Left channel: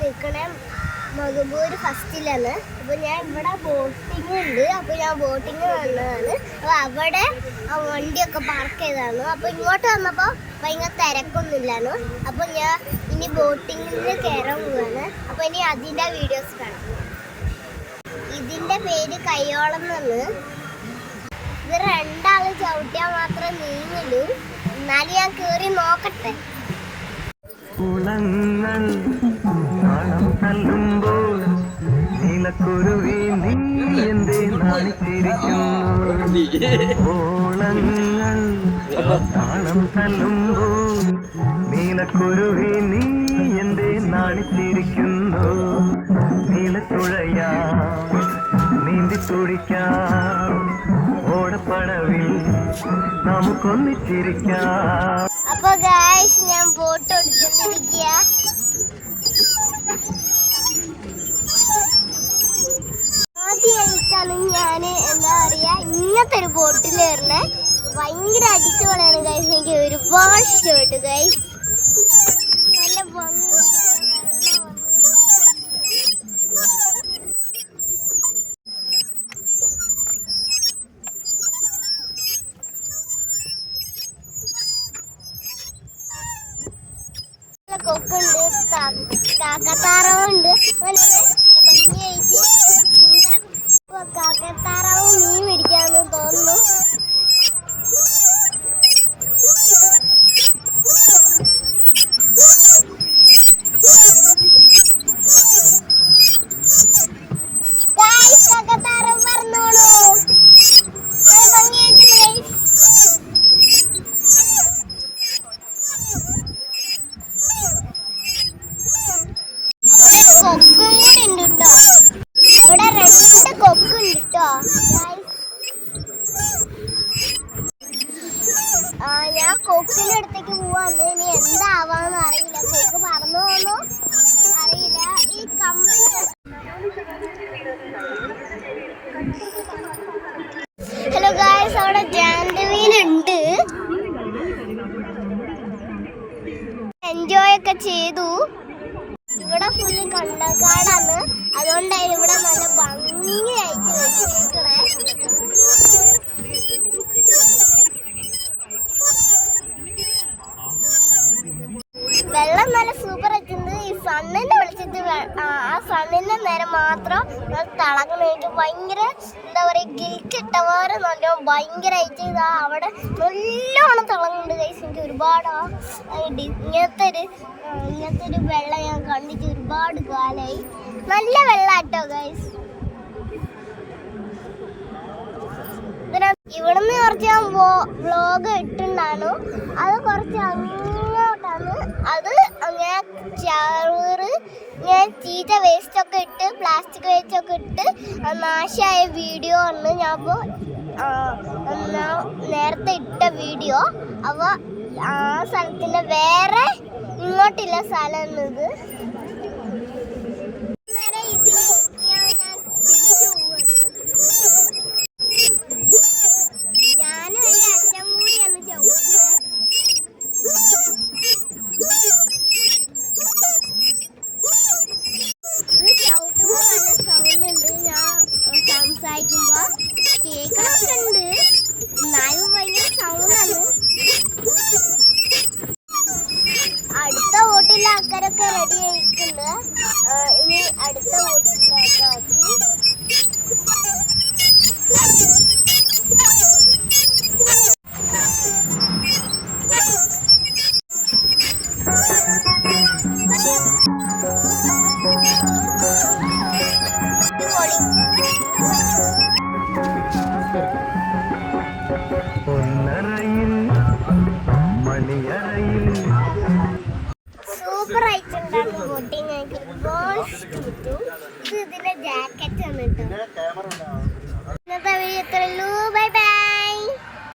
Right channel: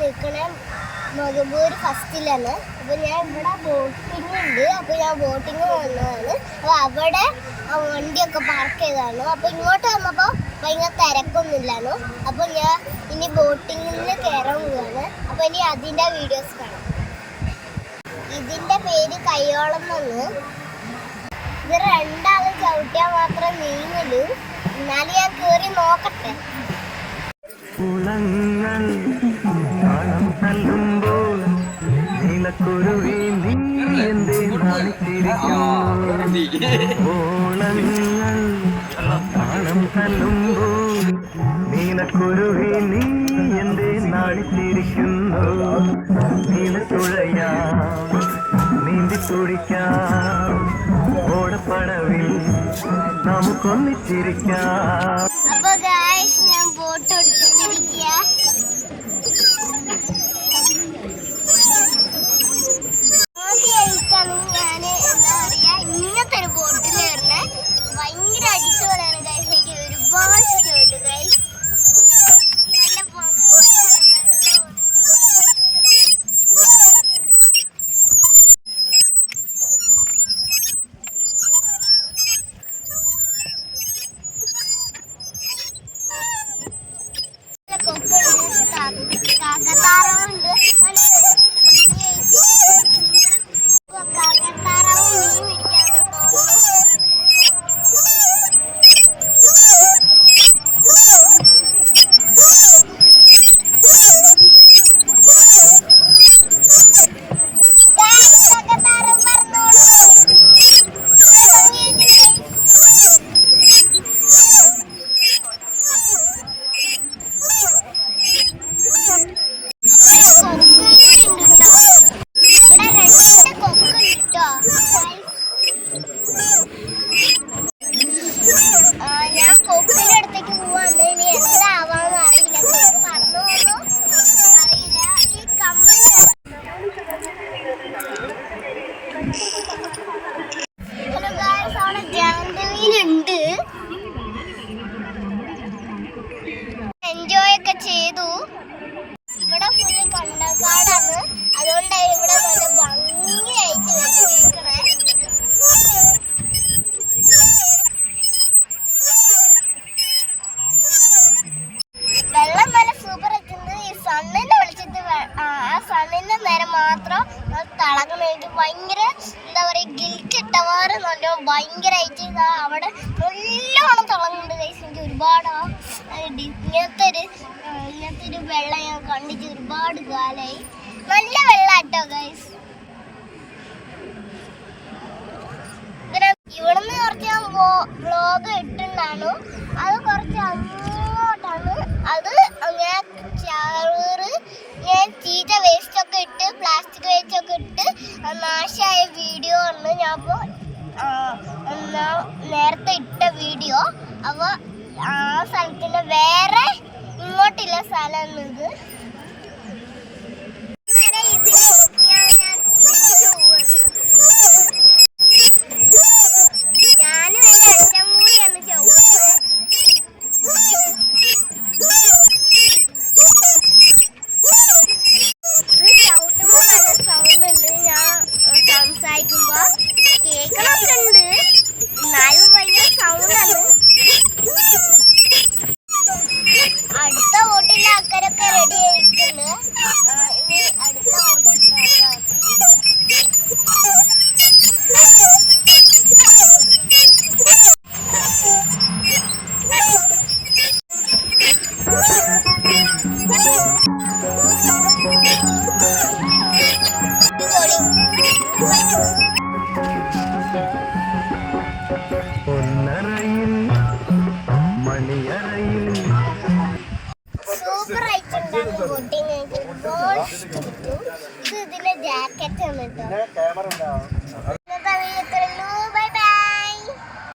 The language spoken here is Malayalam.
നിൽക്കണേ മകബൂർ ഫസ്റ്റിലാണ്. അപ്പോൾ ഞാൻ ഇവിടെ ബോട്ടിംഗ് ഉണ്ട്. അപ്പോൾ ഞാൻ ബോട്ടിങ് വന്നതാണ്. അപ്പോൾ അവിടെ ആ വണ്ടിയൊക്കെ പാർക്ക് ചെയ്തതാണ്. അപ്പോൾ ഇങ്ങോട്ട് വന്നപ്പോൾ ഭയങ്കര തിരക്കൊന്നുമില്ലാണ്. അപ്പോൾ ഞാൻ ഇനി ബോട്ടിങ്ങിൽ കയറാൻ പോവാണ്. അപ്പോൾ ഇനി അതിൻ്റെ വീഡിയോസ് കാണാം. ഇതിൻ്റെ പേര് കയ്യോളം എന്നാണ്. ഇത് രണ്ടാൾ ചവിട്ടിയാൽ മാത്രം നീങ്ങലു. എന്നാലും ഞാൻ കയറി നോക്കട്ടെ. കുളങ്ങൾ താളം തല്ലുമ്പോൾ നീലക്കുരുവി നീ എന്തേ നാണിച്ചിരിക്കുന്നു. ഓളങ്ങൾ താളം തല്ലുമ്പോൾ നീലക്കുരുവി നീ എന്തേ നാണിച്ചിരിക്കുന്നു. നീലത്തുഴയാ നീന്തി തുടിക്കാം ഓടപ്പടവിൽ നമുക്കൊന്നിച്ചിരിക്കാം. അപ്പൊ ഗായ്സ് ഞാൻ ബോട്ട് ഓടിച്ചോണ്ടിരിക്കുക. ആദ്യമായിട്ടാണ് ഞാൻ എന്താ പറയാ ഇങ്ങനത്തെ ഒരു ബോട്ടിൽ കയറുന്നത്. ഭയങ്കര അടിച്ചുപൊളിയാണ് ഗായ്സ്. എനിക്ക് ഒരുപാട് ഇഷ്ടപ്പെട്ടു ഗായ്സ്. നല്ല കൊക്കുണ്ട്, കാക്കത്താറവുണ്ട്. കാക്കത്താറാവും മീൻ പിടിക്കാന്ന് തോന്നുന്നു. കാക്കത്താറവ് പറഞ്ഞോളൂ. ഞാൻ കൊക്കിന്റെ അടുത്തേക്ക് പോവാന്ന്. ഇനി എന്താവാന്ന് അറിയില്ല. കൊക്ക് പറന്നു പോന്നോ അറിയില്ല. ഈ കമ്പിന് ഹലോ ഗായ്സ്, അവിടെ ജാൻഡുമീനുണ്ട്. എൻജോയ് ഒക്കെ ചെയ്തു. ഇവിടെ ഫുള്ള് കണ്ടക്കാടാണ്. അതുകൊണ്ടാണ് ഇവിടെ നല്ല ഭംഗിയായിട്ട് വെച്ചിരിക്കണേ. വെള്ളം നല്ല സൂപ്പർ ആയിട്ടുണ്ട്. ഈ സണ്ണിനെ വിളിച്ചിട്ട് ആ സണ്ണിന്റെ നേരം മാത്രം തിളങ്ങുന്നതായിട്ട് ഭയങ്കര എന്താ പറയുക ഗിൽറ്റ് ഇട്ടവാറ് നല്ല ഭയങ്കരമായിട്ട് ഇതാ അവിടെ നല്ലോണം തിളങ്ങുന്നുണ്ട് ഗൈസ്. എനിക്ക് ഒരുപാട് ഇങ്ങനത്തെ ഒരു വെള്ളം ഞാൻ കണ്ടിട്ട് ഒരുപാട് കാലമായി. നല്ല വെള്ളാട്ടോ ഗൈസ്. ഇവിടുന്ന് കുറച്ച് ഞാൻ വ്ളോഗ് ഇട്ടുണ്ടായിരുന്നു. അത് കുറച്ച് അങ്ങോട്ടാണ്. അത് ഞാൻ ചീത്ത വേസ്റ്റ് ഒക്കെ ഇട്ട് പ്ലാസ്റ്റിക് വേസ്റ്റ് ഒക്കെ ഇട്ട് നാശമായ വീഡിയോ ആണ് ഞാൻ ഇപ്പോൾ നേരത്തെ ഇട്ട വീഡിയോ. അപ്പോൾ ആ സ്ഥലത്തിൻ്റെ വേറെ ഇങ്ങോട്ടുള്ള സ്ഥലമാണ് ഇത്. ഞാനും എൻ്റെ അച്ഛൻ കൂടിയാണ് ചവിട്ടുന്നത്. ഇത് ചവിട്ടുമ്പോൾ നല്ല സൗണ്ട് ഉണ്ട്. ഞാൻ സംസാരിക്കുമ്പോൾ കേൾക്കണമൊക്കെ ഉണ്ട്. എന്നാലും ഭയങ്കര സൗണ്ടാണ്. അടുത്ത ബോട്ടിലെ ആൾക്കാരൊക്കെ റെഡി ആയിട്ടുണ്ട്. ഇനി അടുത്ത ബോട്ടിലെ ആൾക്കാർ